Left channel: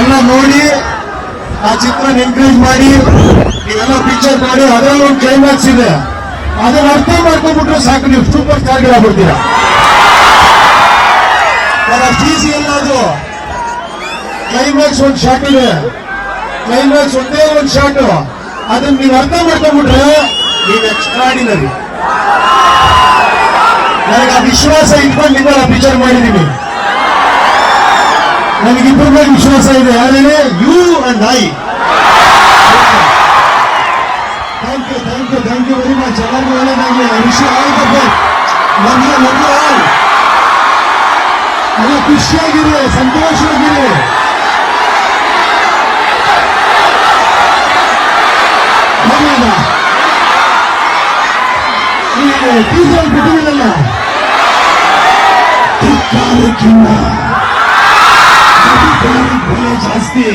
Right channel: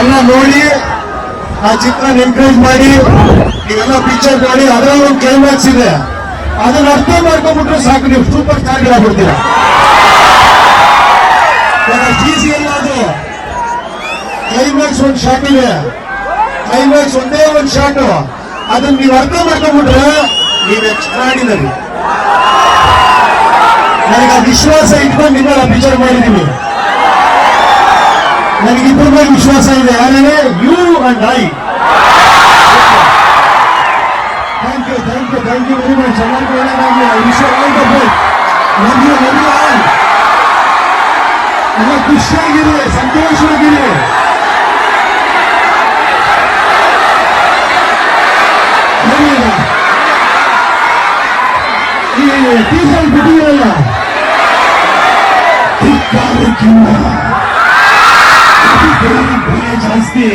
ಎಲ್ಲ ನೋಡಿ ಆ ಚಿತ್ರ ಎನ್ಕರೇಜ್ ಮಾಡಿ ನೀವೆಲ್ಲ ಪಿಕ್ಚರ್ ನೋಡಿ. ಅದರಲ್ಲಿ ಒಂದು ಕ್ಲೈಮ್ಯಾಕ್ಸ್ ಇದೆ, ಅದನ್ನ ಅರ್ಥ ಮಾಡ್ಕೊಂಡ್ಬಿಟ್ರೆ ಸಾಕು, ನೀವು ಸೂಪರ್ ಸ್ಟಾರ್ ಆಗ್ಬಿಡ್ತೀರಾ. ಟಿಸಿ ಎಲ್ಲದು ಕ್ಲೈಮ್ಯಾಕ್ಸ್ ಒಂದು ಶಾಟ್ ಇದೆ, ಕ್ಲೈಮ್ಯಾಕ್ಸ್ ಒಂದೇ ಒಂದು ಶಾಟ್, ಅದನ್ನ ನೀವು ಅರ್ಥ ಮಾಡ್ಕೊಂಡ್ಬಿಟ್ರೆ ನೀವು ಎಕ್ಸ್ಟ್ರಾಡಿನರಿ. ನನಗೆ ಆ ವಿಶ್ವಾಸ ಇಟ್ಕೊಂಡು ನಿಮ್ಮನ್ನ ಪಿಕ್ಚರ್ ಮಾಡಿದೀನಿ. ನನಗಿಬ್ಬರ ಮೇಲೆ ವಿಶ್ವಾಸ ಇದೆ. ಯಾರೇನೆ you and I. Thank you very much. ಎಲ್ಲರಿಗೂ ಒಳ್ಳೆಯದಾಗಲಿ. ವಿಶ್ವ ಎಲ್ಲ ಖುಷಿಯಾಗಿರಿ, ಸಂತೋಷವಾಗಿರಿ. ಟೀಸರ್ ಬಿಟ್ಟಿರಲ್ಲ ಜಾಸ್ತಿ